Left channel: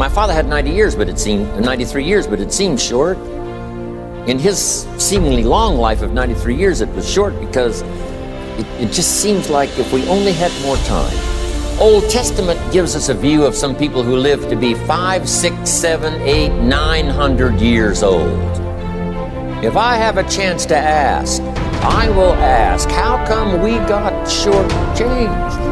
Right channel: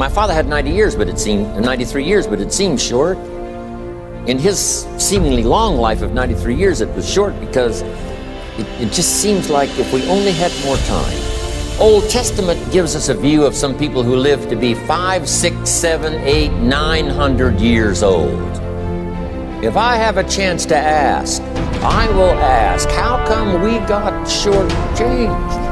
My father had 93 years, but it seemed short. In his seemingly long life of 93 years, it was short because it just seems like if we only had more time. Old Testament gives us a view of some people who lived to be 500, 600, 700, 800, 900 years old. If I have a chance to ask, I will ask, how come we got shortchanged?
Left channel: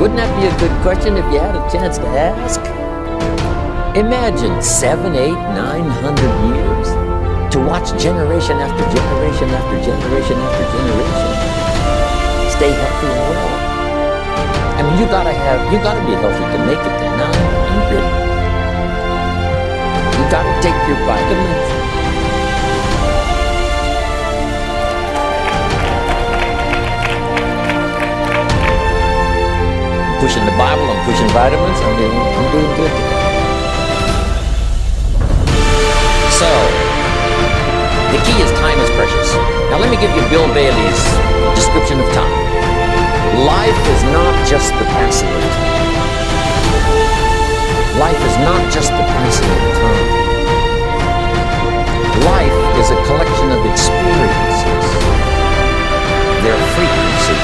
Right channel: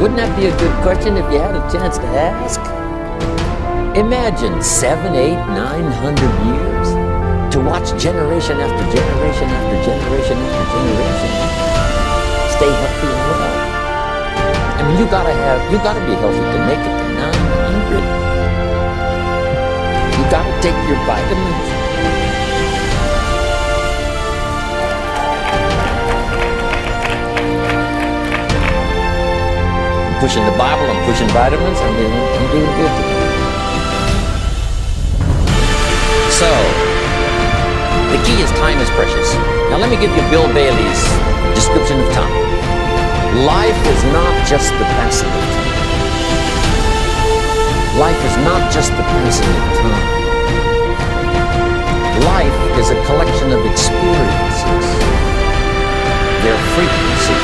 Wouldn't that be a good question if you had a chance to ask? Imagine 700, 800, 900 years to watch generation after generation after generation after generation stay healthy and well. I mean, you gotta be healthy to make it to 900. You gotta take your vitamins. I'm pushing the Bible, I'm pushing vitamins, I'm doing good today. So, the key is time is precious. Now let me give you Bill Bailey's description of time. Life is not just the passing of time. Life is not just the passing of time. Life is a collection of experiences, their frequency,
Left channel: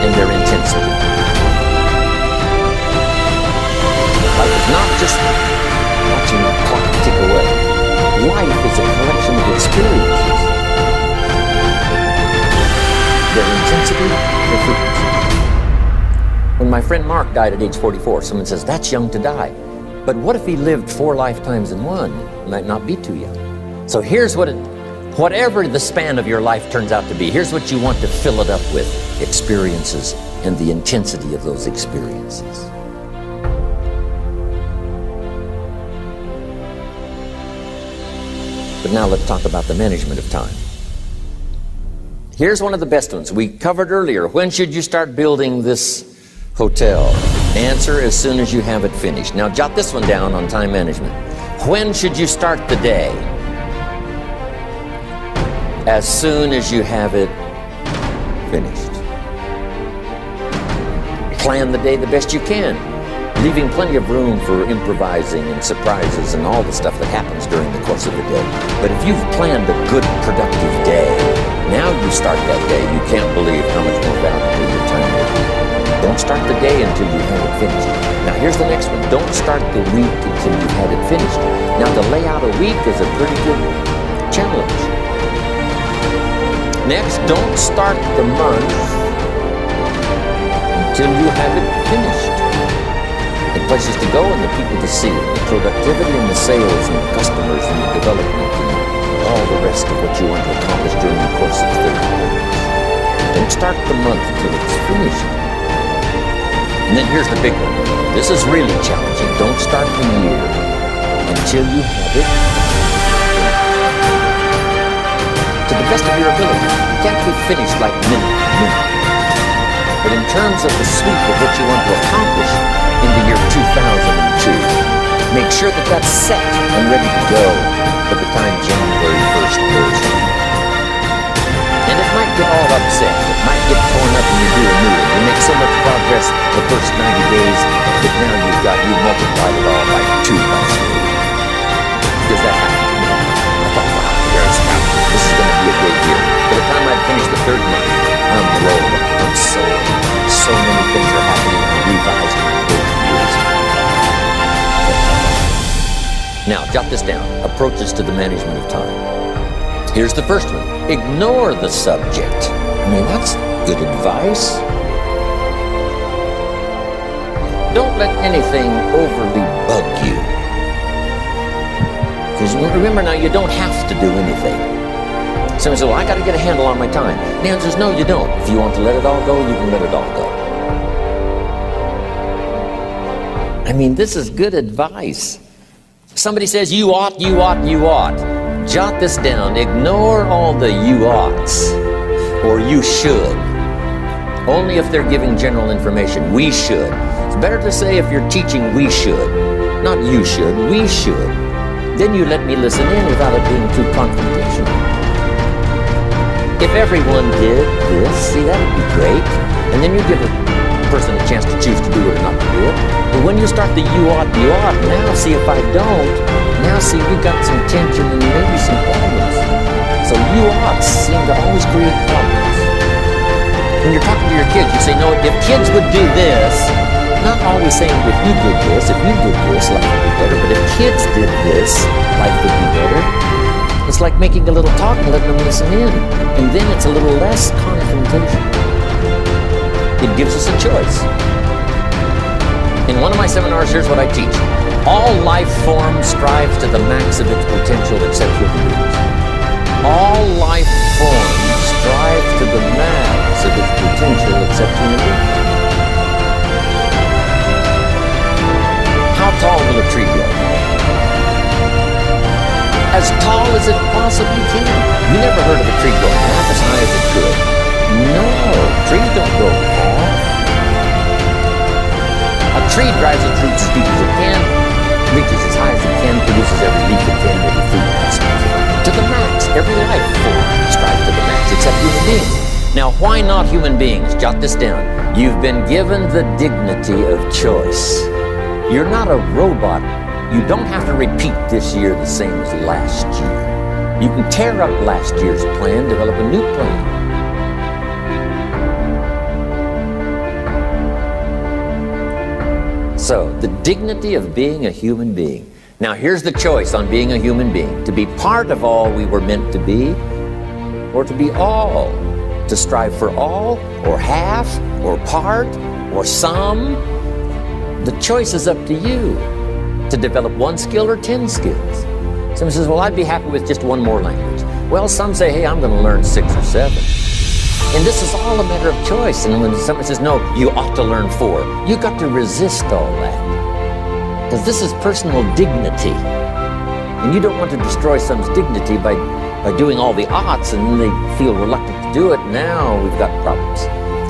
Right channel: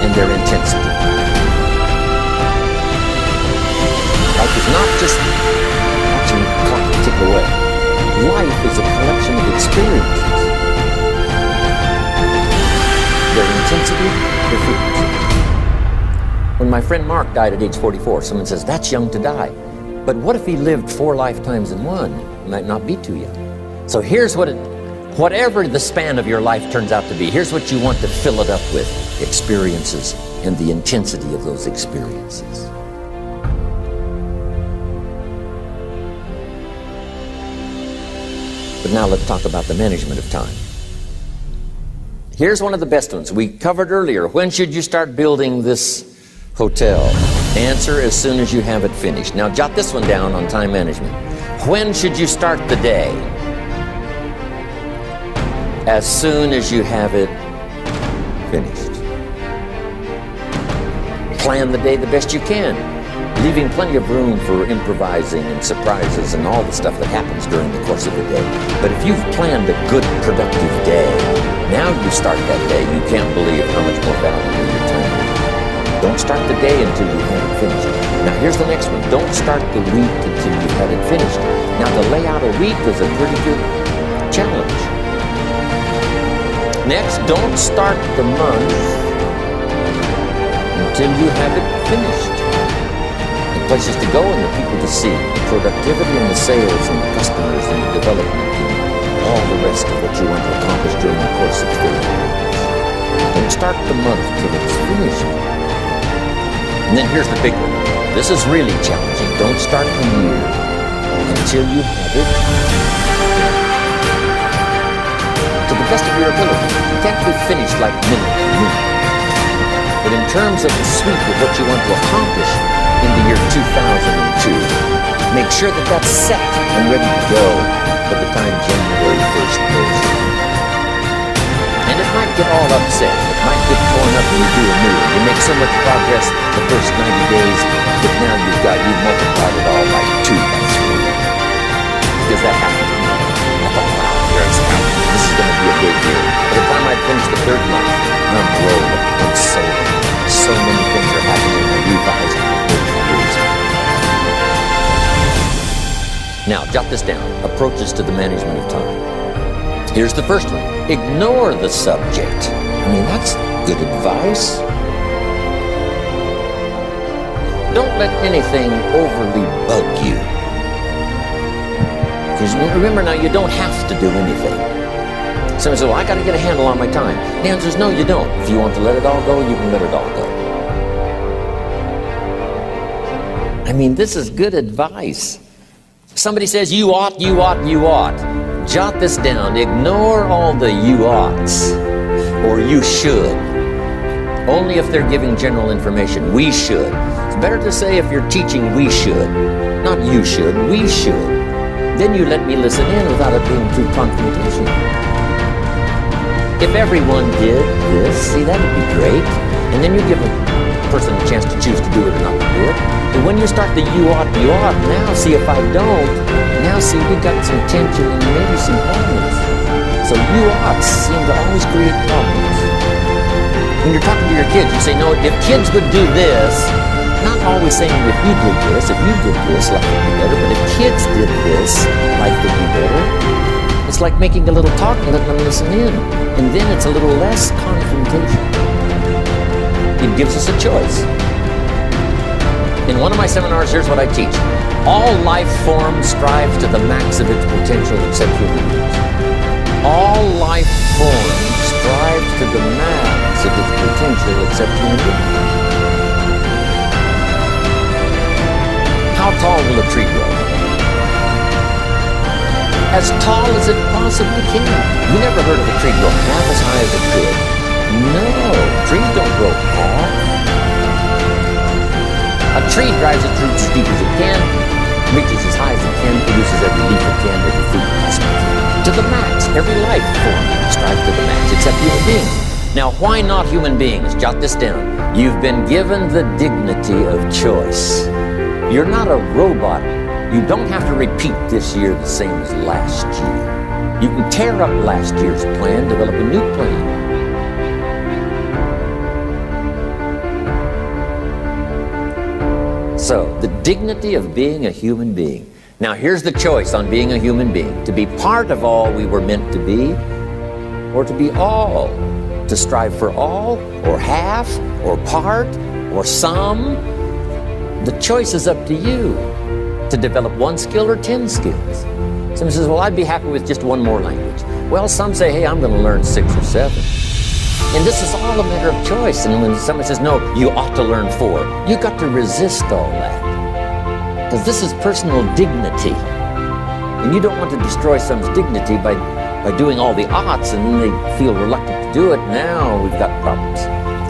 and their intensity. Life is not just watching the clock tick away. Life is a collection of experiences, their intensity, their frequency. When my friend Mark died at age 44, someone says, that's young to die. But what if he lived 4 lifetimes in one? It might not be too young. So here's whatever the span of your life turns out to be, here's what you want to fill it up with: experiences and the intensity of those experiences. But now let's talk about the management of time. Here's one of the best ones. We covered earlier, when should you start building this hotel? Answer, as soon as you have it finished. Now jot this one down on time management. When should you start the day? As soon as you have it finished. Plan the day the best you can, leaving plenty of room for improvising and surprises and all the stuff that happens during the course of the day. But if you've planned a good, productive day, now you start that day, you can't believe how much more valuable your time will be. Don't start the day until you have it finished. Now here's the next one. Don't start the week until you've had it finished. Now to lay out a week is a pretty good challenge. Next, don't start the month until you have it finished. The places to go and the people to see, the productivity and the sales and the customers and the development and all the rest of what you want to accomplish during the course of 30 years. Don't start the month until it's finished. And then here's the big one. This is really challenging. Don't start the year until you have it finished. To the best of your ability. You can't be finished like minute to minute. But in terms of the sweep of what you want to accomplish in the year 2002, make sure that that's set and ready to go by the time January 1st goes. And it might get all upset. It might get torn up and you do a new one. You make so much progress the first 90 days that now you've multiplied it all by 2, by 3. Because that happened to me. I thought, wow, here's how. This is going to be a great year. By the time I'd finished the 3rd month, I'm rolling. I'm sold. So many things are happening. I revised my whole years. Now, jot this down. Approaches to the management of time. Here's the first one. Ignore the subject. I mean, that's good advice. Don't let anything overly bug you. Because remember now, you don't have to do anything. Someone says, well, I got to get a handle on my time. The answer is no, you don't. If you want to let it all go, you can let it all go. I mean, this is good advice. Somebody says, you ought, you ought, you ought. Jot this down. Ignore all the you oughts or you should. Only if they're giving general information. We should. It's better to say if you're teaching we should. Not you should, we should. Then you let me listen in without it being too confrontational. If everyone did this, see, that'd be great. And then you give a person a chance to choose to do it or not to do it. But when you start the you ought, now see if I don't, now see we got some tension and maybe some problems. So you oughts seem to always create problems. When you're talking to your kids, you say, no, if kids would do this, not always saying if you did this, life would be better, but if kids did this, life would be better. It's like making a little talk and letting them listen in. And then it's a little less confrontation. It gives us a choice. In one of my seminars, here's what I teach. All life forms strive to the max of its potential except human beings. All life forms strive to the max of its potential except human beings. How tall will a tree grow? As tall as it possibly can. You never heard of a tree growing half as high as it could. No, trees don't grow half. A tree drives its roots as deep as it can, reaches as high as it can, produces every leaf it can, every fruit possible can. To the max. Every life form strives to the max, except human beings. Now, why not human beings? Jot this down. You've been given the dignity of choice. You're not a robot. You don't have to repeat this year the same as last year. You can tear up last year's plan, develop a new plan. So, the dignity of being a human being. Now, here's the choice on being a human being. To be part of all we were meant to be, or to be all. To strive for all, or half, or part, or some. The choice is up to you. To develop one skill or 10 skills. Someone says, well, I'd be happy with just one more language. Well, some say, hey, I'm going to learn 6 or 7. And this is all a matter of choice. And when someone says, no, you ought to learn 4, you got to resist all that. Because this is personal dignity. And you don't want to destroy someone's dignity by doing all the oughts, and then they feel reluctant to do it. Now we've got problems.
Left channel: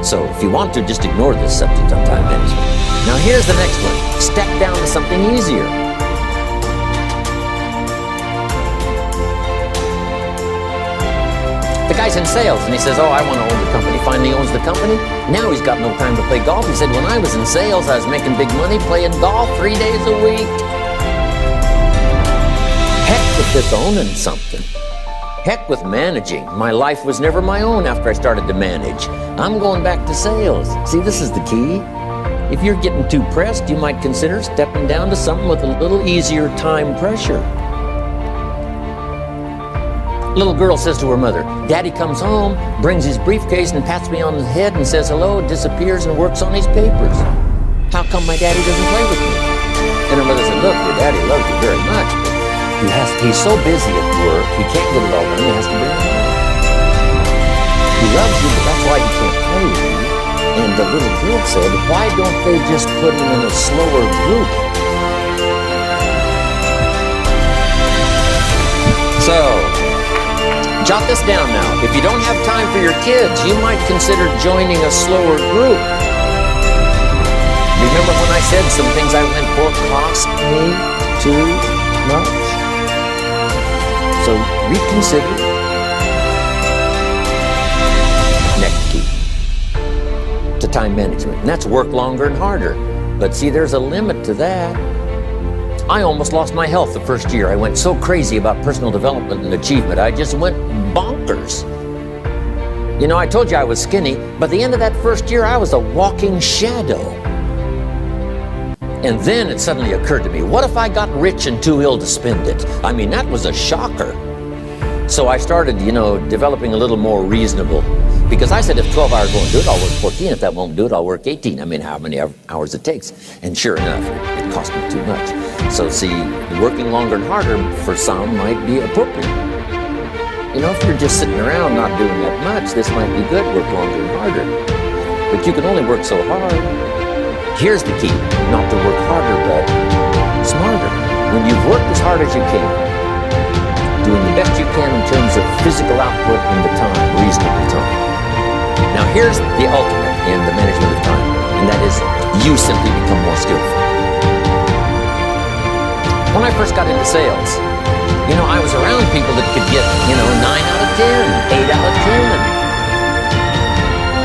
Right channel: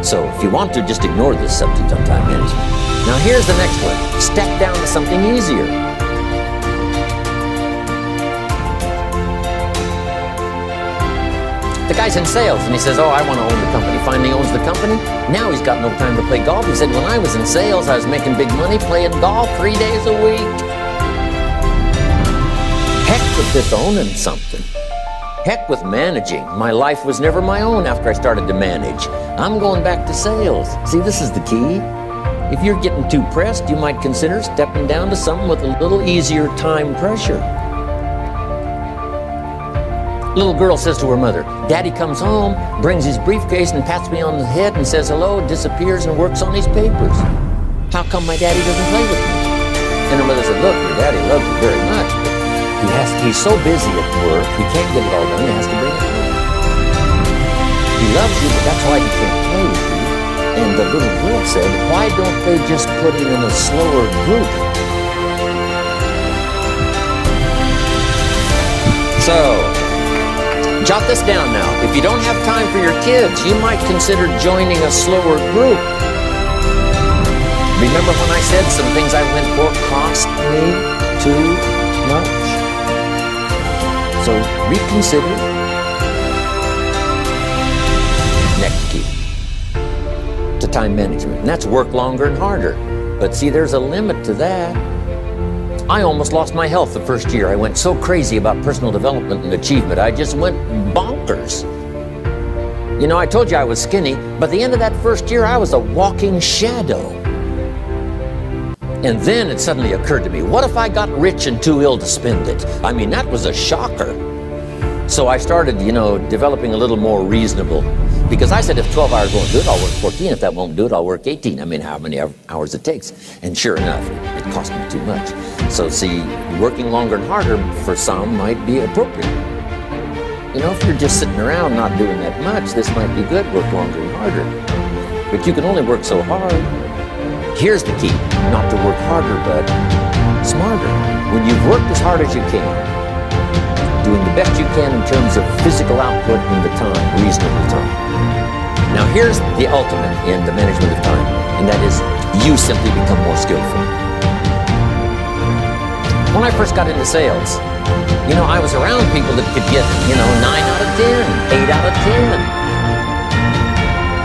So if you want to, just ignore this subject on time management. Now here's the next one. Step down to something easier. The guy's in sales and he says, oh, I want to own the company. Finally owns the company. Now he's got no time to play golf. He said, when I was in sales, I was making big money playing golf 3 days a week. Heck with this owning something. Heck with managing. My life was never my own after I started to manage. I'm going back to sales. See, this is the key. If you're getting too pressed, you might consider stepping down to something with a little easier time pressure. Little girl says to her mother, Daddy comes home, brings his briefcase and pats me on the head and says hello, disappears and works on his papers. How come my daddy doesn't play with me? And her mother said, look, your daddy loves you very much, but he's so busy at work, he can't get it all done, he has to bring it home. He loves you, but that's why he can't play with you. And the little girl said, why don't they just put him in a slower group? So, jot this down now. If you don't have time for your kids, you might consider joining a slower group. Remember when I said some things I went for cost me too much? So, reconsider. Next key. To time management, and that's work longer and harder. But see, there's a limit to that. I almost lost my health the first year. I went so crazy about personal development and achievement. I just went bonkers. You know, I told you I was skinny, but at the end of that first year, I was a walking shadow. And then it suddenly occurred to me, what if I got rich and too ill to spend it? I mean, that was a shocker. So I started, developing a little more reasonable. Because I said, if 12 hours won't do it, I'll work 14. If that won't do it, I'll work 18. I mean, how many hours it takes. And sure enough, it cost me too much. So see, working longer and harder for some might be appropriate. If you're just sitting around not doing that much, this might be good, work longer and harder. But you can only work so hard. Here's the key, not to work harder, but smarter. When you've worked as hard as you can, doing the best you can in terms of physical output in the time, reasonable time. Now here's the ultimate in the management of time, and that is you simply become more skillful. When I first got into sales, I was around people that could get, 9 out of 10, 8 out of 10.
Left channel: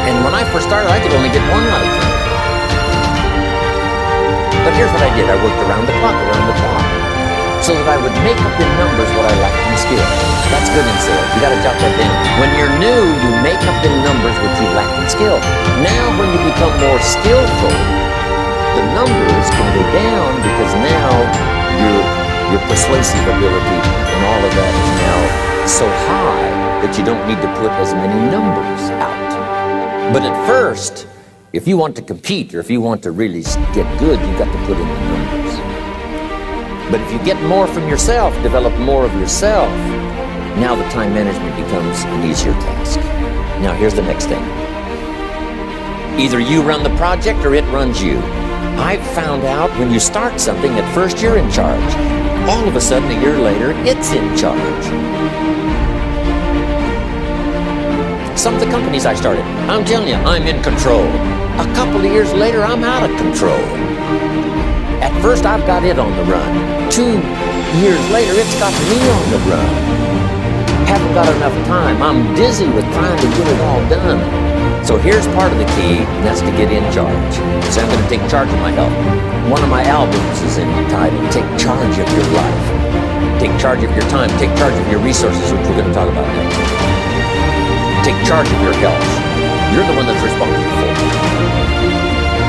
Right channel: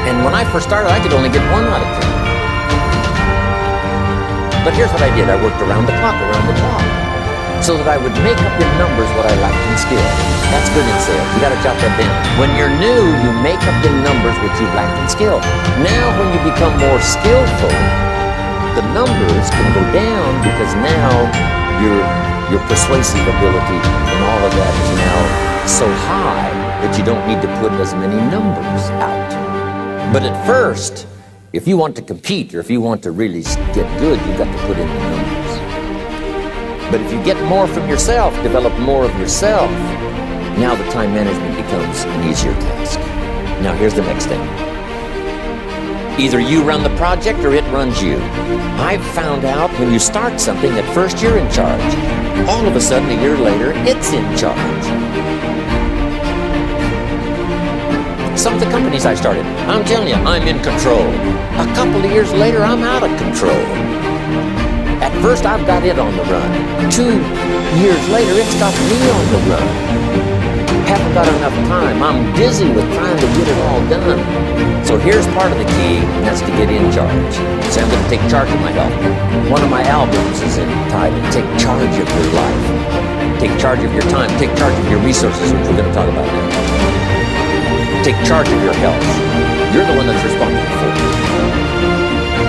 And when I first started, I could only get 1 out of 10. But here's what I did. I worked around the clock, so that I would make up in numbers what I lacked in skill. That's good in sales. You got to jot that down. When you're new, you make up in numbers what you lacked in skill. Now, when you become more skillful, the numbers can go down because now your persuasive ability and all of that is now so high that you don't need to put as many numbers out. But at first, if you want to compete or if you want to really get good, you've got to put in the numbers. But if you get more from yourself, develop more of yourself, now the time management becomes an easier task. Now here's the next thing. Either you run the project or it runs you. I've found out when you start something, at first you're in charge. All of a sudden, a year later, it's in charge. Some of the companies I started, I'm telling you, I'm in control. A couple of years later, I'm out of control. At first, I've got it on the run. 2 years later, it's got me on the run. Haven't got enough time. I'm dizzy with trying to get it all done. So here's part of the key, and that's to get in charge. So I'm going to take charge of my health. One of my albums is entitled, Take Charge of Your Life. Take charge of your time. Take charge of your resources, which we're going to talk about next. Take charge of your health. You're the one that's responsible for it.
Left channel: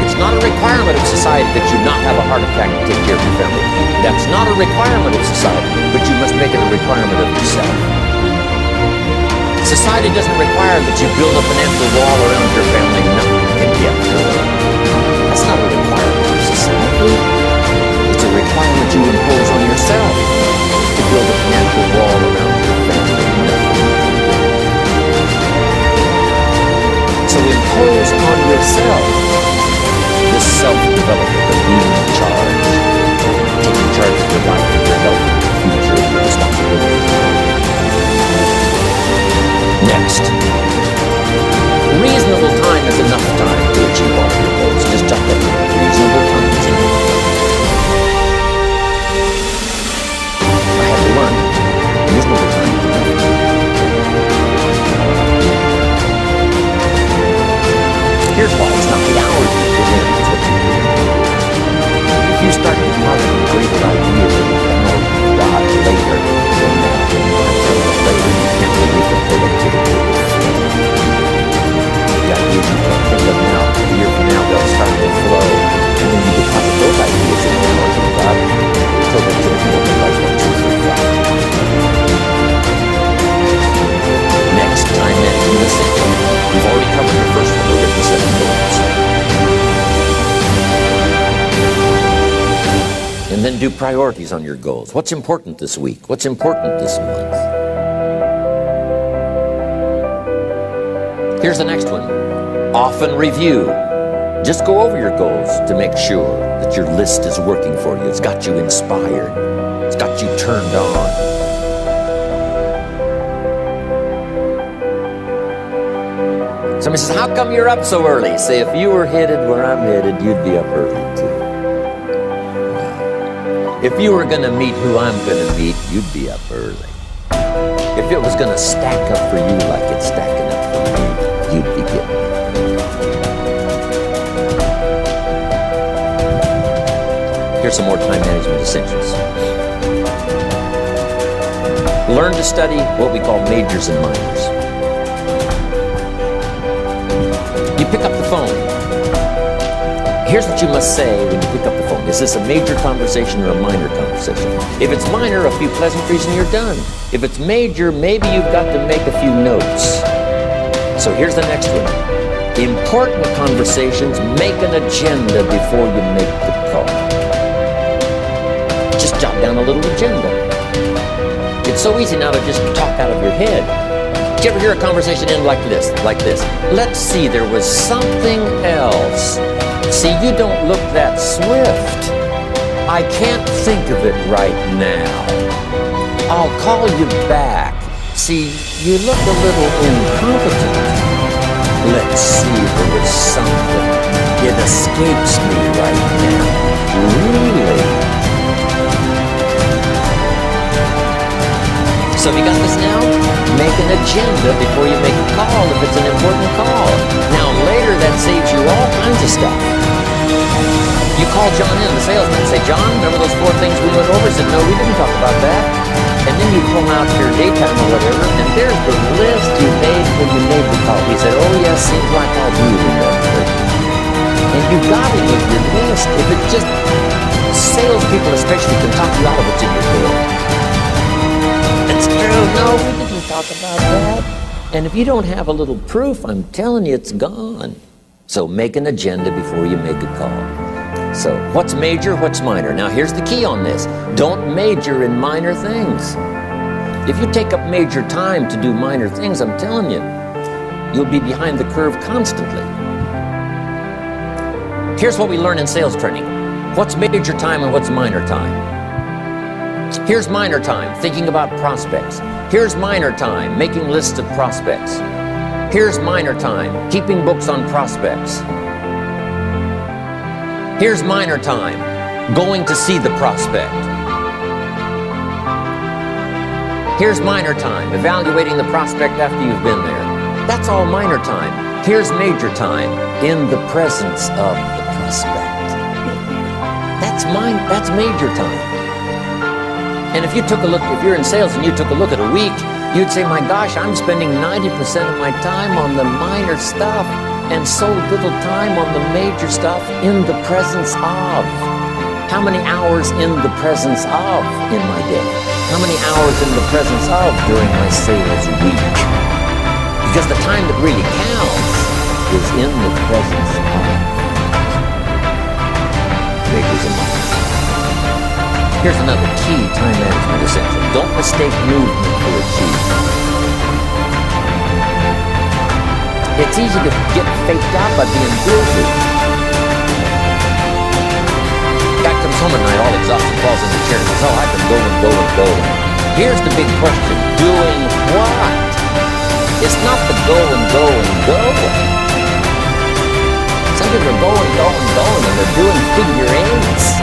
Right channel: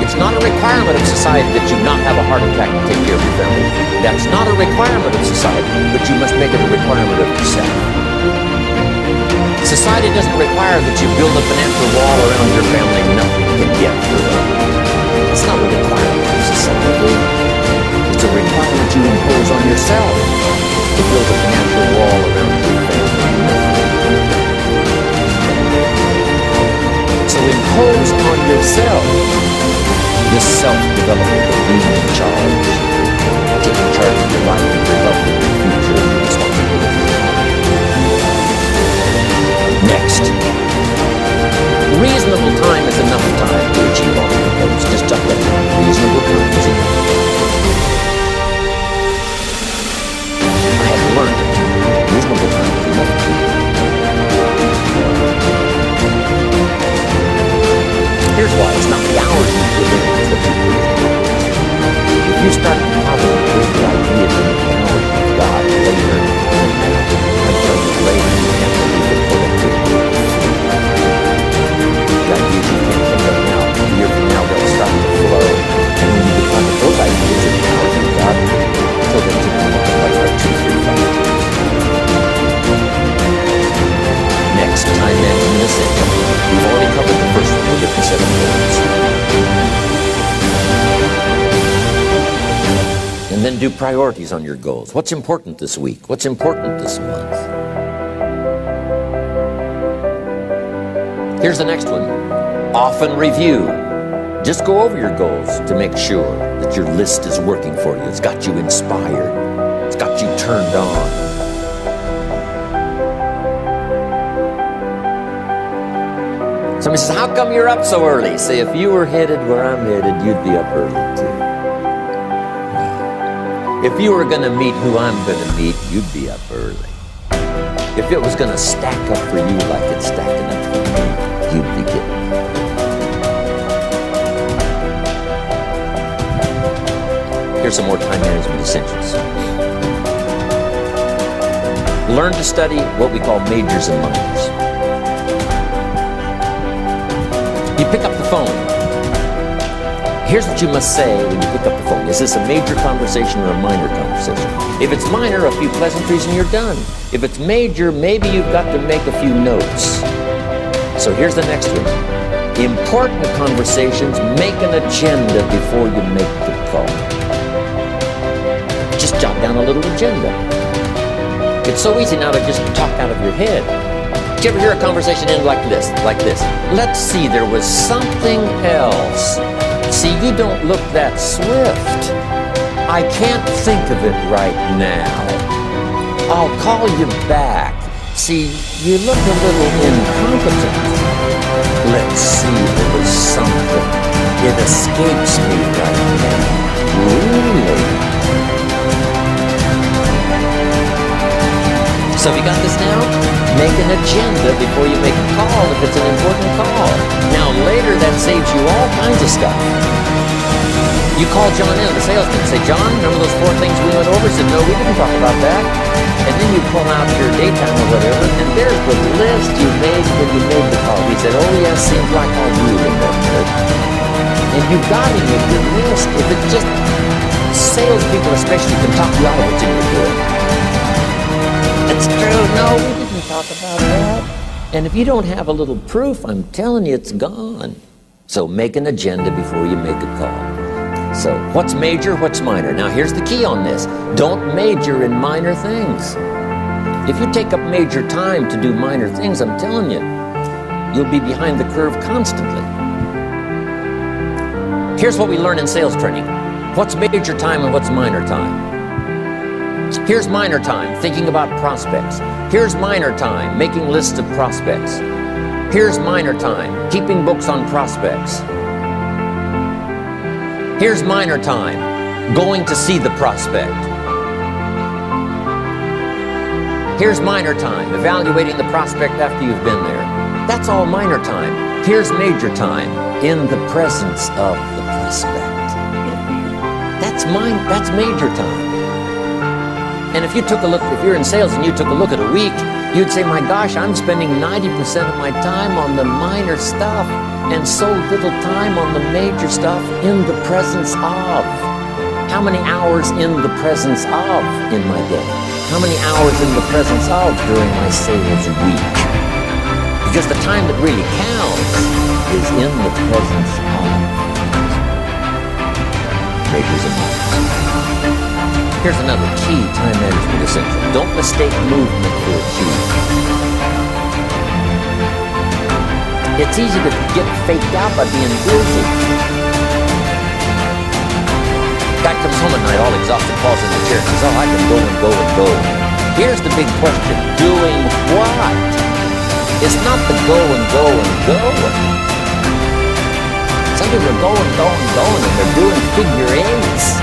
It's not a requirement of society that you not have a heart attack to take care of your family. That's not a requirement of society, but you must make it a requirement of yourself. Society doesn't require that you build a financial wall around your family nothing can get through it. That's not a requirement of society. It's a requirement you impose on yourself to build a financial wall around your family nothing can get through. So impose on yourself this self-development of being in charge, taking charge of your life and your health and your future and your responsibilities at home. Next, reasonable time is enough time to achieve all of your goals. Just jot that down. Reasonable time is enough. I had to learn that. Reasonable time is enough time. Here's why. It's not the hours you put in, it's what you put in. If you start depositing greater ideas in the hours you've got later than now, I'm telling you later, you can't believe the productivity. The ideas you can't think of now, a year from now, they'll start to flow. And when you deposit those ideas in the hours you've got, productivity multiplies by 2, 3, 5. Next, time management essential. We've already covered the first one, go get the 7 goals. And then do priorities on your goals. What's important this week? What's important this month? Here's the next one. Often review. Just go over your goals to make sure that your list is working for you. It's got you inspired. It's got you turned on. Somebody says, how come you're up so early? Say, if you were headed where I'm headed, you'd be up early too. If you were going to meet who I'm going to meet, you'd be up early. If it was going to stack up for you like it's stacking up for me, you'd be getting up early. Here's some more time management essentials. Learn to study what we call majors and minors. You pick up the phone. Here's what you must say when you pick up the phone. Is this a major conversation or a minor conversation? If it's minor, a few pleasantries and you're done. If it's major, maybe you've got to make a few notes. So here's the next one. Important conversations, make an agenda before you make the call. Just jot down a little agenda. It's so easy now to just talk out of your head. Did you ever hear a conversation end like this? Let's see, there was something else. See, you don't look that swift. I can't think of it right now. I'll call you back. See, you look a little incompetent. Let's see, there was something. It escapes me right now. Really? So have you got this now? Make an agenda before you make a call if it's an important call. Now later that saves you all kinds of stuff. You call John in, the salesman, say, John, remember those 4 things we went over? He said, no, we didn't talk about that. And then you pull out your daytime or whatever, and there's the list you made when you made the call. He said, oh yes, seems like I do remember. And you got him with your list. If it's just, salespeople especially can talk you out of what's in your head. It's true. No, we didn't talk about that. And if you don't have a little proof, I'm telling you, it's gone. So make an agenda before you make a call. So what's major, what's minor? Now here's the key on this. Don't major in minor things. If you take up major time to do minor things, I'm telling you, you'll be behind the curve constantly. Here's what we learn in sales training. What's major time and what's minor time? Here's minor time, thinking about prospects. Here's minor time, making lists of prospects. Here's minor time, keeping books on prospects. Here's minor time, going to see the prospect. Here's minor time, evaluating the prospect after you've been there. That's all minor time. Here's major time, in the presence of the prospect. That's major time. And if you took a look, if you're in sales and you took a look at a week, you'd say, my gosh, I'm spending 90% of my time on the minor stuff and so little time on the major stuff in the presence of. How many hours in the presence of in my day? How many hours in the presence of during my sales week? Because the time that really counts is in the presence of. Majors and minors. Here's another key time management essential. Don't mistake movement for achievement. It's easy to get faked out by being busy. Guy comes home at night all exhausted, falls in the chair and says, oh, I've been going. Here's the big question. Doing what? It's not the going. Some people are going, and they're doing figure eights.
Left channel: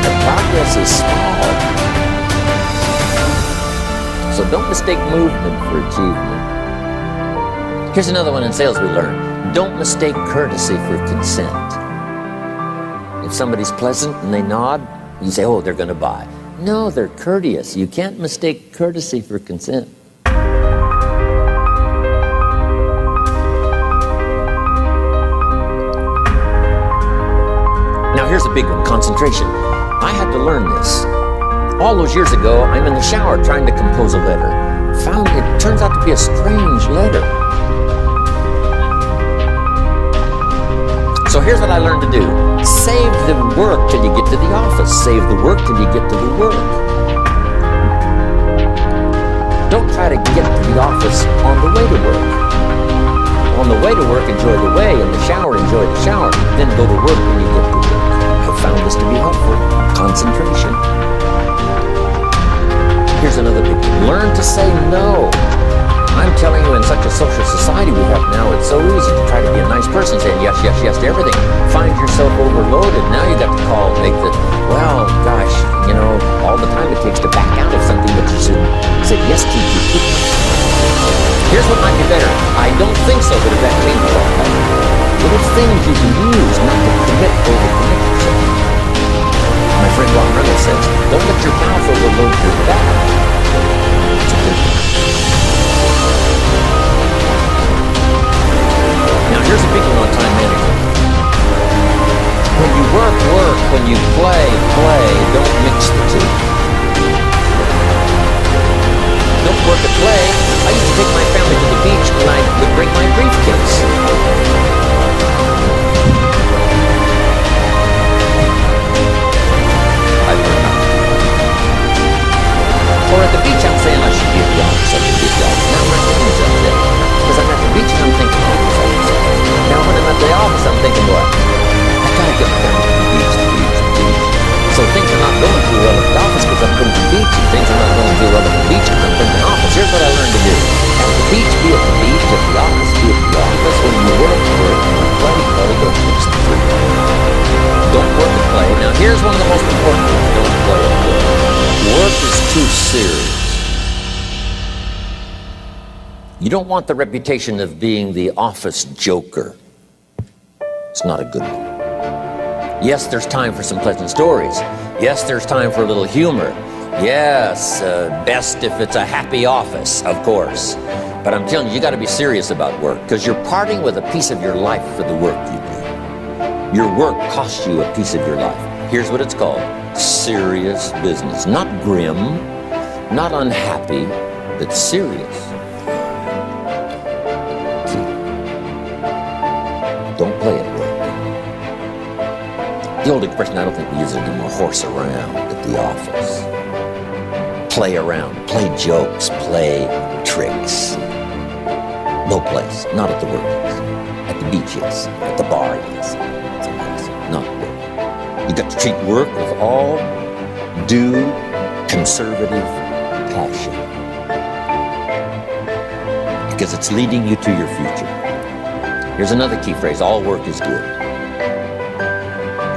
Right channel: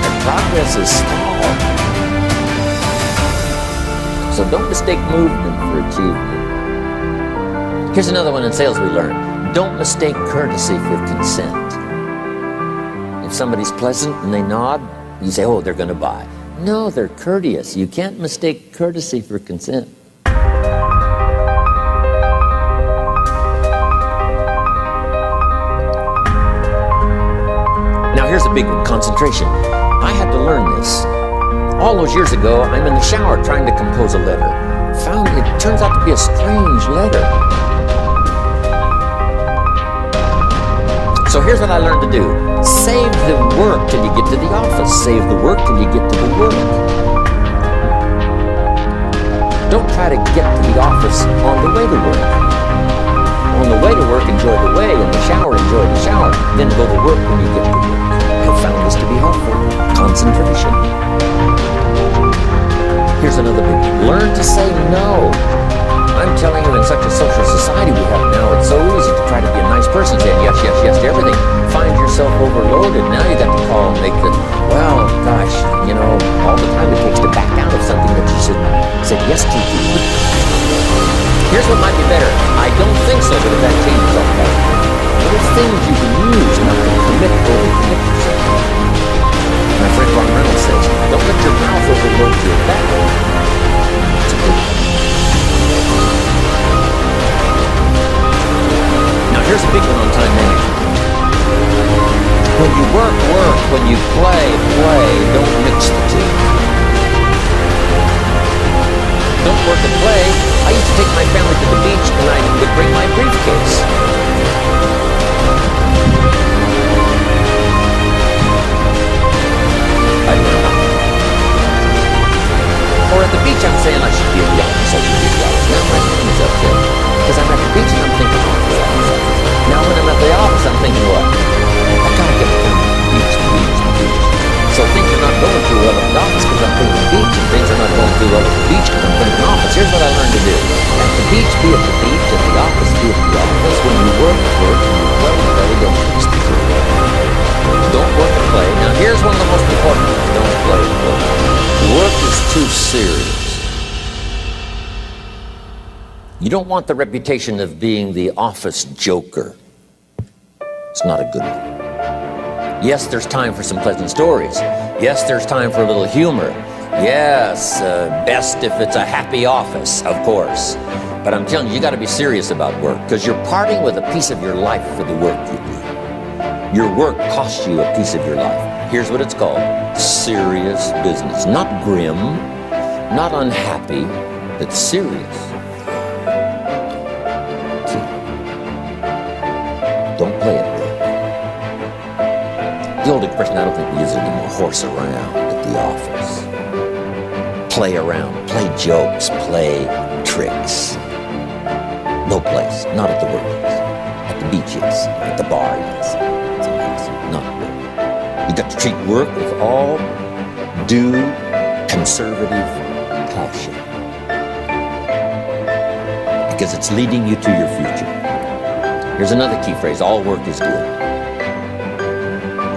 Their progress is small. So don't mistake movement for achievement. Here's another one in sales we learned. Don't mistake courtesy for consent. If somebody's pleasant and they nod, you say, oh, they're going to buy. No, they're courteous. You can't mistake courtesy for consent. Now here's a big one, concentration. I had to learn this. All those years ago, I'm in the shower trying to compose a letter. Found it turns out to be a strange letter. So here's what I learned to do. Save the work till you get to the office. Save the work till you get to the work. Don't try to get to the office on the way to work. On the way to work, enjoy the way. In the shower, enjoy the shower. Then go to work when you get to work. I've found this to be helpful. Concentration. Here's another big one. Learn to say no. I'm telling you, in such a social society we have now, it's so easy to try to be a nice person, saying yes to everything. Find yourself overloaded. Now you got to call and make the, well, gosh, you know, all the time it takes to back out of something that you said yes to too quickly. Here's what might be better. I don't think so, but if that changes, I'll call you. Little things you can use not to overcommit yourself. My friend Ron Reynolds says, don't let your mouth overload your back. It's a good thing. Now here's a big one on time management. When you work, when you play, don't mix the two. Don't work and play. I used to take my family to the beach and I would bring my briefcase. I learned not to do that. Or at the beach I'm saying I should be at the office, Now my family's upset. Because I'm at the beach and I'm thinking office. Now when I'm at the office, I'm thinking what? I gotta get my family to the beach. So things are not going too well at the office because I'm thinking beach, and things are not going too well at the beach because I'm thinking office. Here's what I learned to do. At the beach, be at the beach. At the office, be at the office. When you work. When you play. Don't mix the two. Don't work and play. Now here's one of the most important ones. Don't play at work. Work is too serious. You don't want the reputation of being the office joker. It's not a good one. Yes, there's time for some pleasant stories. Yes, there's time for a little humor. Yes, best if it's a happy office, of course. But I'm telling you, you got to be serious about work, because you're parting with a piece of your life for the work you do. Your work costs you a piece of your life. Here's what it's called: serious business. Not grim, not unhappy, but serious. Don't play at work. The old expression, I don't think we use it anymore: horse around at the office. Play around, play jokes, play tricks. No place, not at the workplace. At the beach, yes. At the bar, yes. Someplace, not at work. You got to treat work with all due conservative passion, because it's leading you to your future. Here's another key phrase: all work is good.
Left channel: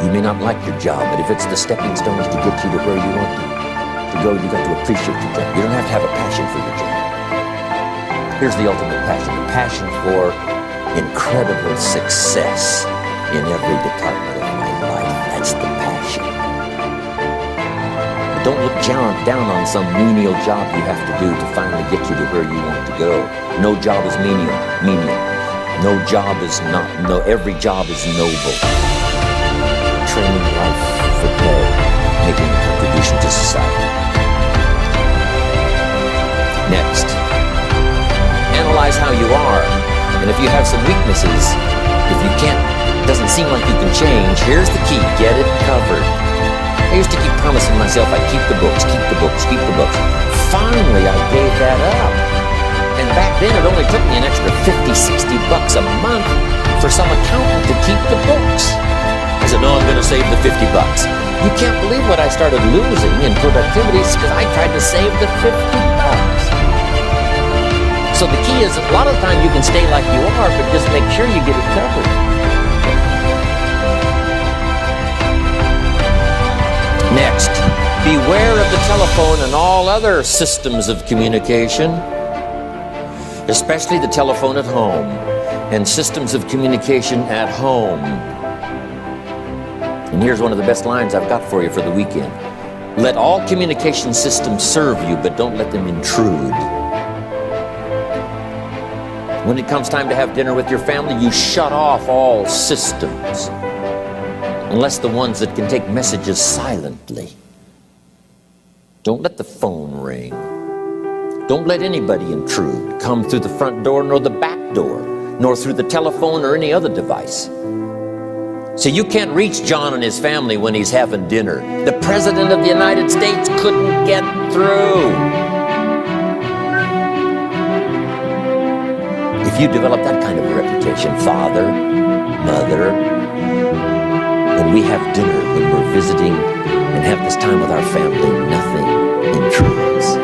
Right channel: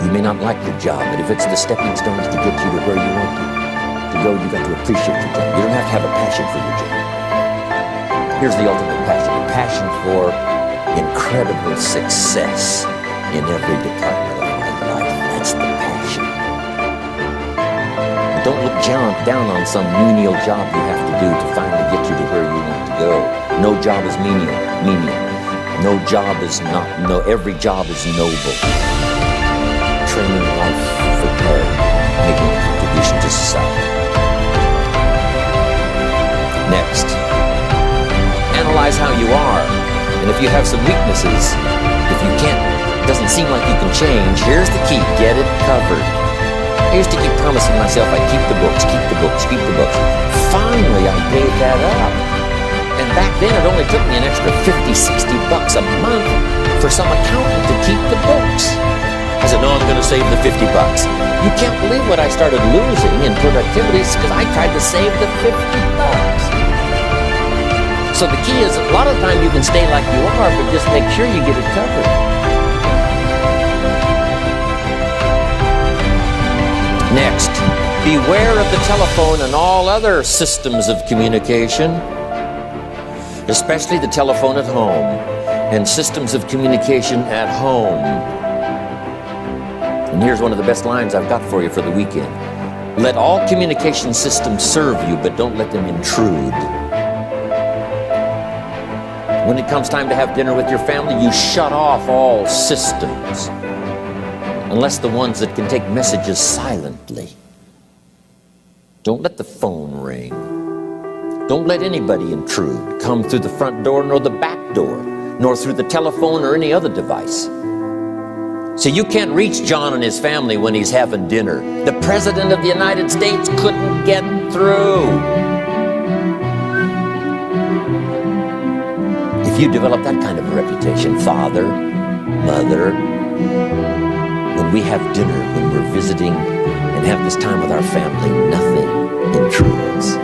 You may not like your job, but if it's the stepping stones to get you to where you want to go, you got to appreciate your job. You don't have to have a passion for your job. Here's the ultimate passion: the passion for incredible success in every department of my life. That's the passion. But don't look down on some menial job you have to do to finally get you to where you want to go. No job is menial. No job is not, no, every job is noble. Training life for pay, making a contribution to society. Next, analyze how you are. And if you have some weaknesses, if you can't, doesn't seem like you can change, here's the key: get it covered. I used to keep promising myself I'd keep the books, keep the books, keep the books. Finally, I gave that up. And back then, it only took me an extra $50, $60 a month for some accountant to keep the books. I said, no, I'm going to save the $50. You can't believe what I started losing in productivity because I tried to save the $50. So the key is, a lot of the time you can stay like you are, but just make sure you get it covered. Next, beware of the telephone and all other systems of communication, especially the telephone at home and systems of communication at home. And here's one of the best lines I've got for you for the weekend: let all communication systems serve you, but don't let them intrude. When it comes time to have dinner with your family, you shut off all systems, unless the ones that can take messages silently. Don't let the phone ring. Don't let anybody intrude, come through the front door, nor the back door, nor through the telephone or any other device. So you can't reach John and his family when he's having dinner. The President of the United States couldn't get through. If you develop that kind of a reputation, father, mother, when we have dinner, when we're visiting and have this time with our family, nothing intrudes.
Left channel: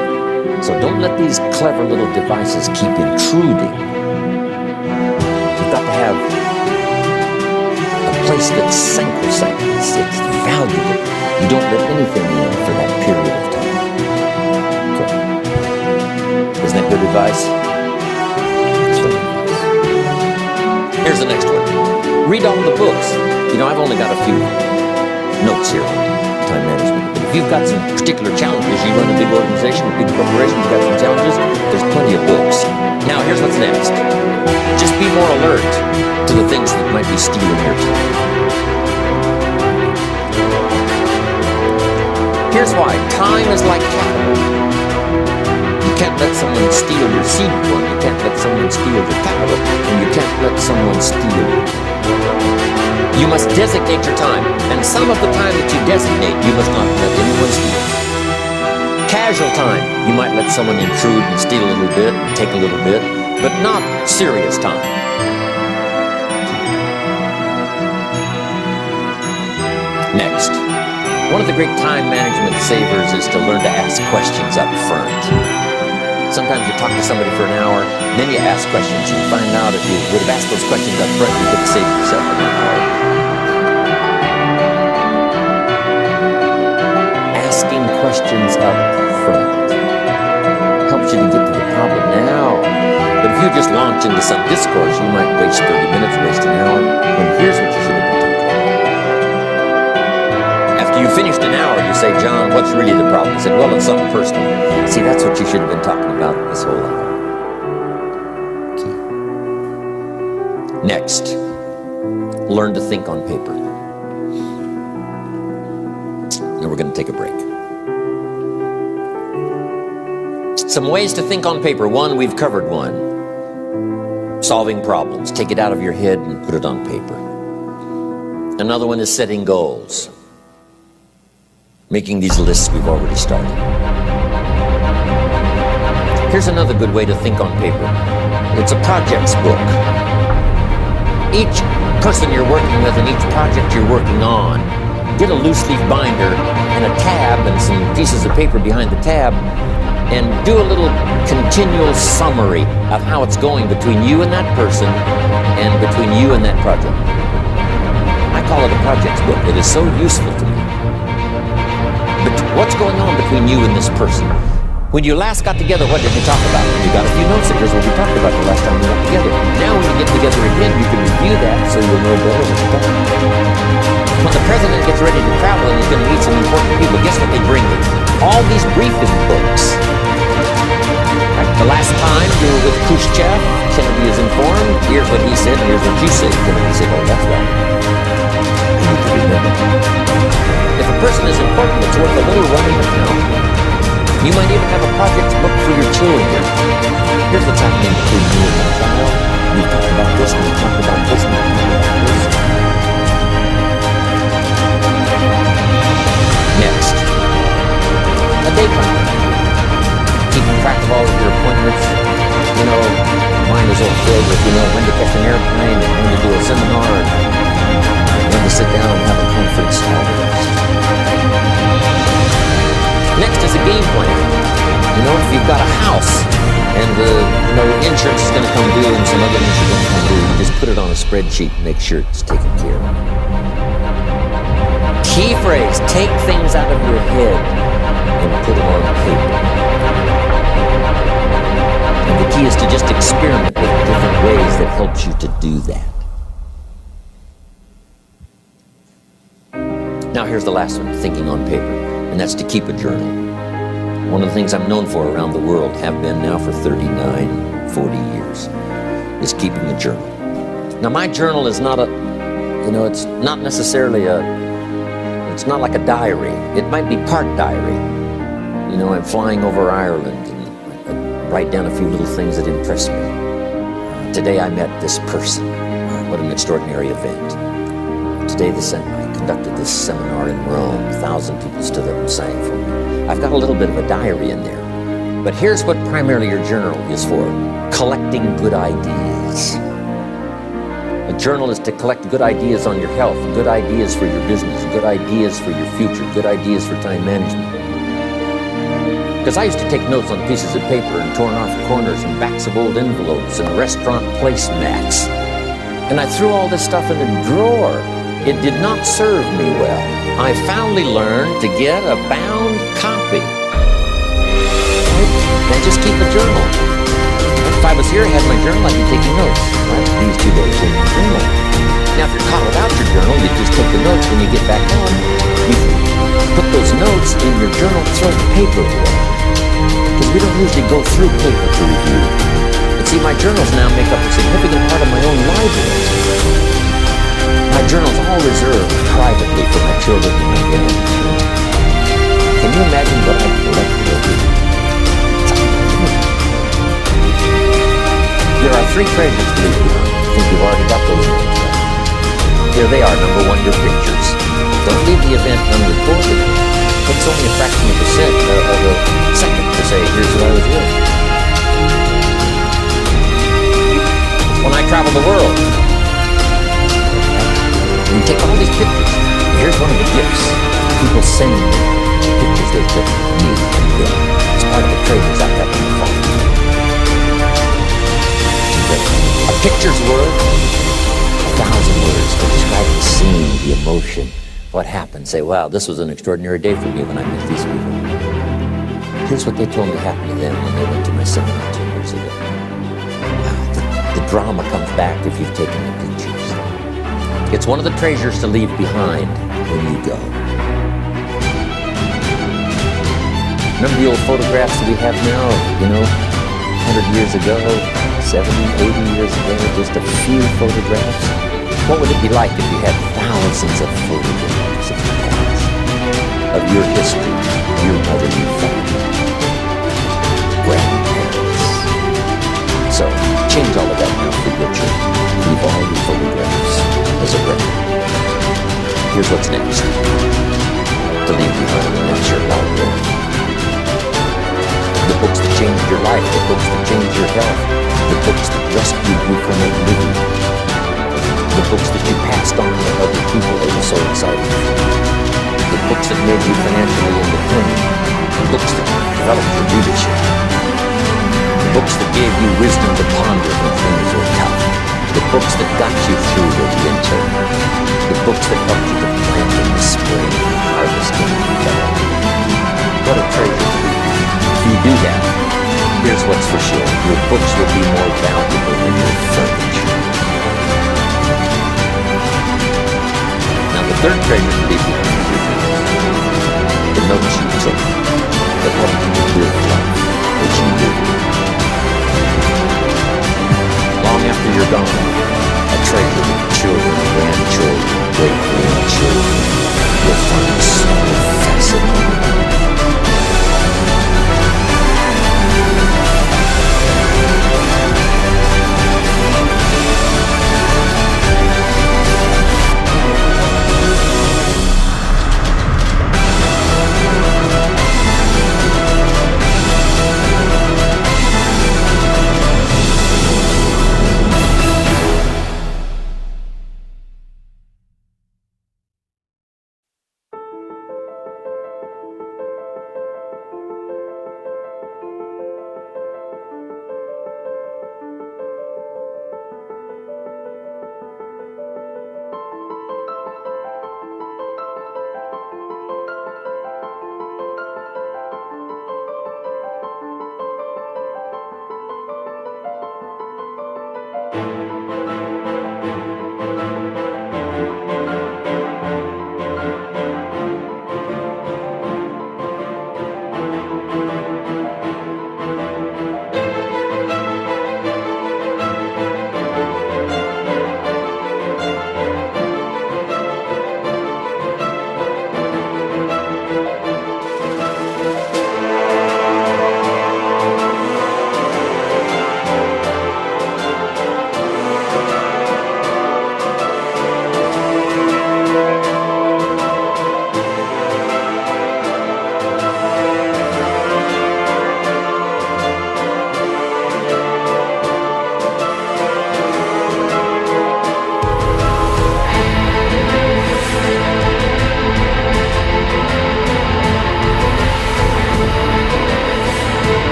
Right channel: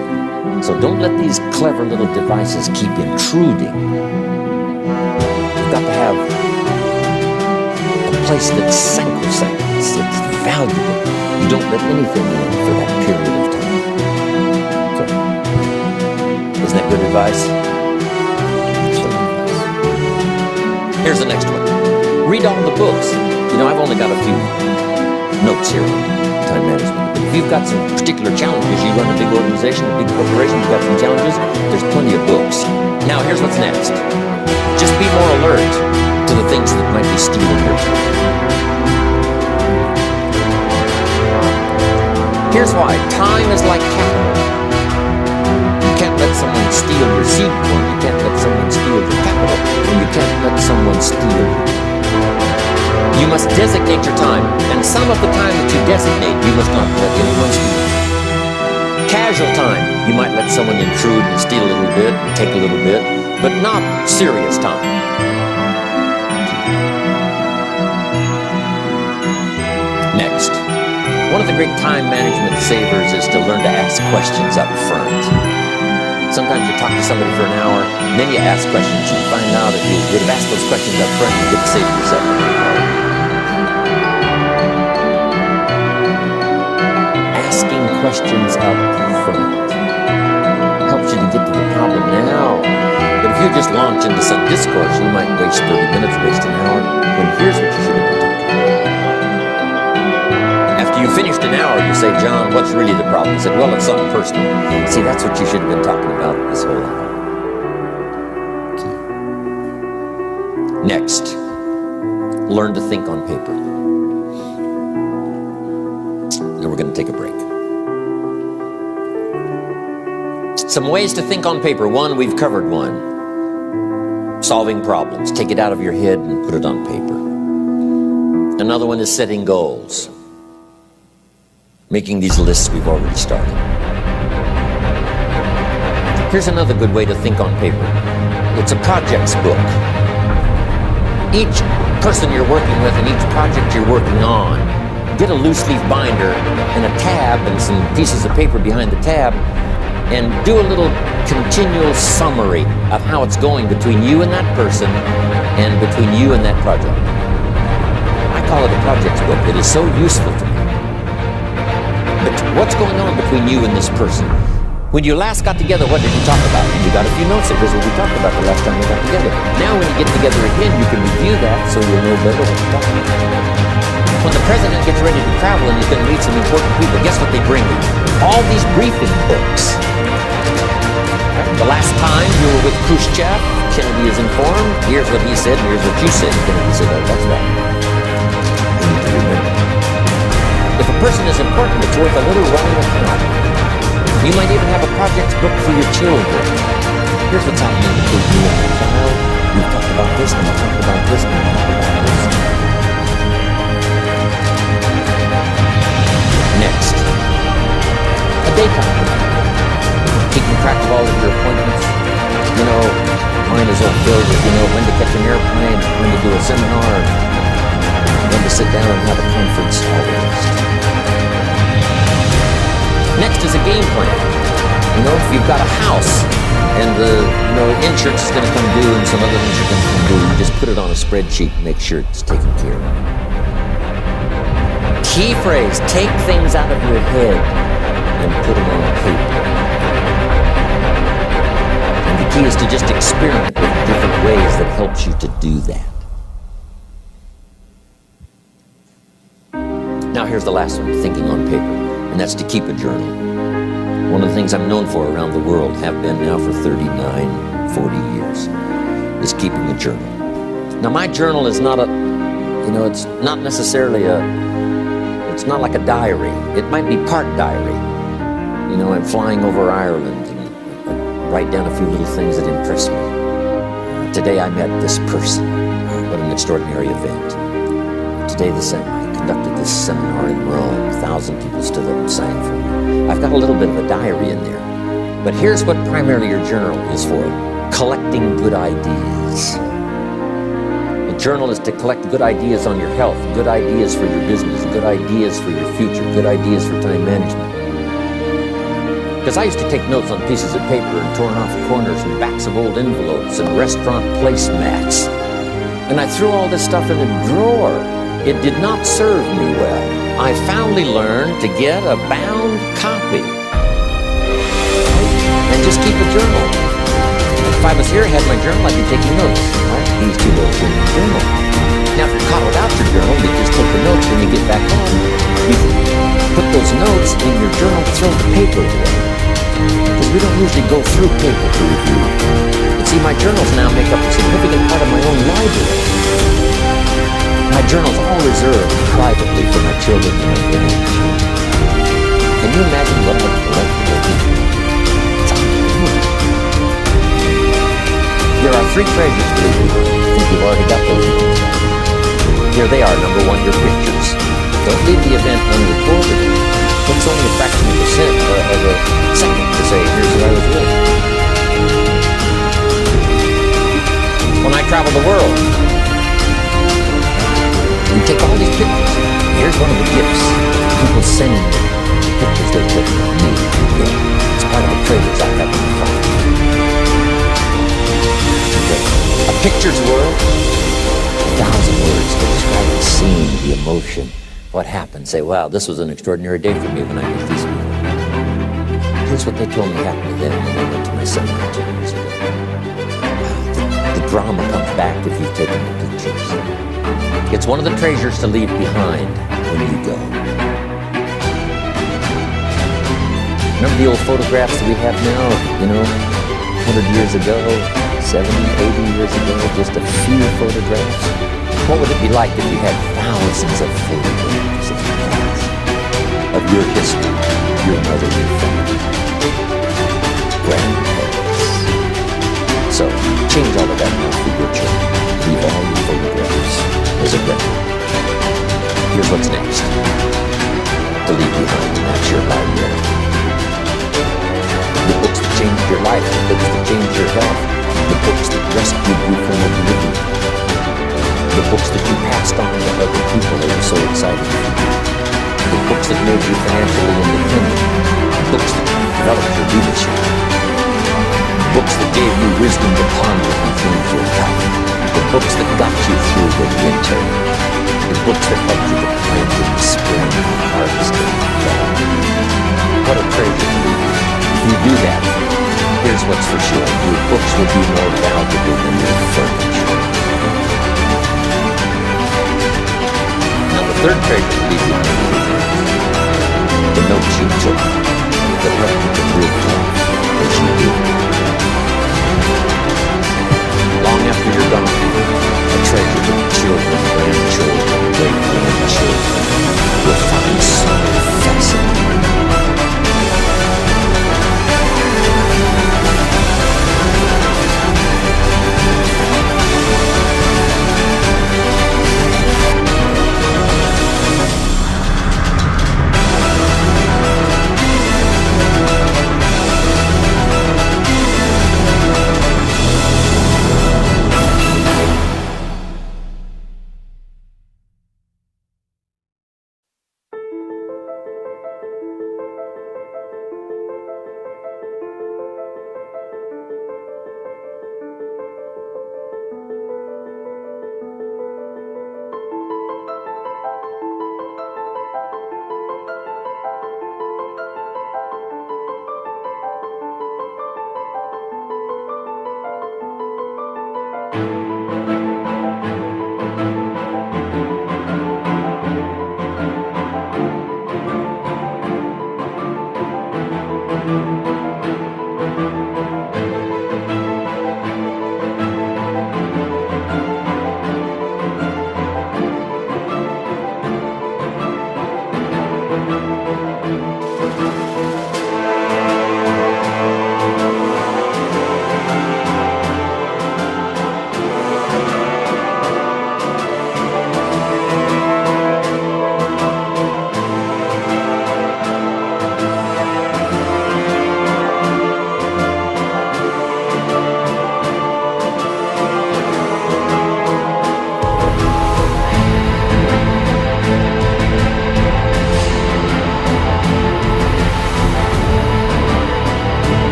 So don't let these clever little devices keep intruding. You've got to have a place that's sacrosanct, it's valuable. You don't let anything in for that period of time. So, isn't that good advice? Excellent advice. Here's the next one. Read all the books. You know, I've only got a few notes here on time management. But if you've got some particular challenges, you run a big organization, a big corporation, you've got some challenges, there's plenty of books. Now, here's what's next. Just be more alert to the things that might be stealing your time. Here's why. Time is like capital. You can't let someone steal your seed corn. You can't let someone steal your capital. And you can't let someone steal your time. You must designate your time, and some of the time that you designate, you must not let anyone steal. Casual time, you might let someone intrude and steal a little bit, and take a little bit, but not serious time. Next, one of the great time management savers is to learn to ask questions up front. Sometimes you talk to somebody for an hour, and then you ask questions, and you find out if you would have asked those questions up front, you could have saved yourself an hour. Asking questions up front helps you to get to the problem now. But if you just launch into some discourse, you might waste 30 minutes, waste an hour, when here's what you should have been talking about. After you finished an hour, you say, John, what's really the problem? He said, well, it's something personal. See, that's what you should have been talking about this whole hour. Key. Next, learn to think on paper. Now we're going to take a break. Some ways to think on paper. One, we've covered one. Solving problems. Take it out of your head and put it on paper. Another one is setting goals. Making these lists we've already started. Here's another good way to think on paper. It's a projects book. Each person you're working with and each project you're working on, get a loose leaf binder and a tab and some pieces of paper behind the tab and do a little continual summary of how it's going between you and that person and between you and that project. I call it a projects book. It is so useful to me. But what's going on between you and this person? When you last got together, what did you talk about? And you got a few notes there. Here's what we talked about the last time we got together. Now when you get together again, you can review that so you'll know better what you're talking about. When the president gets ready to travel and he's going to meet some important people, guess what they bring him? All these briefing books. Right? The last time you were with Khrushchev, Kennedy is informed. Here's what he said, and here's what you said. Kennedy said, oh, that's right. I need to remember. If a person is important, it's worth a little running account. You might even have a project book for your children. Here's what's happening between me and my child. We've talked about this, and we talked about this, and we talked about this. Next, a day timer. Keeping track of all of your appointments. You know, mine is all filled with, when to catch an airplane, and when to do a seminar, and when to sit down and have a conference, all the rest. Next is a game plan. If you've got a house and the insurance is going to come due and some other things are going to come due, you just put it on a spreadsheet and make sure it's taken care of. Key phrase, take things out of your head and put them on paper. And the key is to just experiment with different ways that helps you to do that. Now here's the last one, thinking on paper. And that's to keep a journal. One of the things I'm known for around the world, have been now for 39, 40 years, is keeping a journal. Now my journal is not it's not necessarily it's not like a diary. It might be part diary. I'm flying over Ireland and I write down a few little things that impress me. Today I met this person. What an extraordinary event. Today I conducted this seminar in Rome. 1,000 people stood up and sang for me. I've got a little bit of a diary in there. But here's what primarily your journal is for. Collecting good ideas. A journal is to collect good ideas on your health, good ideas for your business, good ideas for your future, good ideas for time management. Because I used to take notes on pieces of paper and torn off corners and backs of old envelopes and restaurant placemats. And I threw all this stuff in a drawer. It did not serve me well. I finally learned to get a bound copy. Right? And just keep a journal. If I was here, I had my journal, I'd be taking notes. Right? These two notes in my journal. Now, if you're caught without your journal, you just take the notes when you get back home. You put those notes in your journal, throw the paper away. Because we don't usually go through paper to review. But see, my journals now make up a significant part of my own library. My journal's all reserved privately for my children and my grandchildren. Can you imagine what I've collected over here? It's unbelievable. There are 3 treasures to leave behind. I think you've already got those notes right. Here they are. Number 1, your pictures. Don't leave the event unrecorded. It takes only a fraction of a second to say, here's who I was with. When I travel the world, we take all these pictures. Here's one of the gifts. People send me the pictures they took of me and them. It's part of the treasures I have in the phone. A picture's worth 1,000 words to describe the scene, the emotion, what happened. Say, wow, this was an extraordinary day for me when I met these people. Here's what they told me happened to them when they went to my seminar 10 years ago. Wow. The drama comes back if you've taken the pictures. It's one of the treasures to leave behind when you go. Remember the old photographs that we have now, 100 years ago, 70, 80 years ago, just a few photographs? What would it be like if you had thousands of photographs of the past, of your history, your mother, your father, grandparents? So, change all of that now for your children. Leave all your photographs as a record. Here's what's next to leave behind, and that's your library. The books that changed your life, the books that changed your health, the books that rescued you from oblivion, the books that you passed on to other people, they were so excited for you, the books that made you financially independent, the books that developed your leadership, the books that gave you wisdom to ponder when things were tough, the books that got you through the winter, the books that helped you to plant in the spring and harvest in the fall. What a treasure to leave you. If you do that, here's what's for sure. Your books will be more valuable than your furniture. Now the third treasure to leave behind is your journals. The notes you took that helped you to live life as you lived it. Long after you're gone, a treasure that children, grandchildren, great-grandchildren will find so fascinating.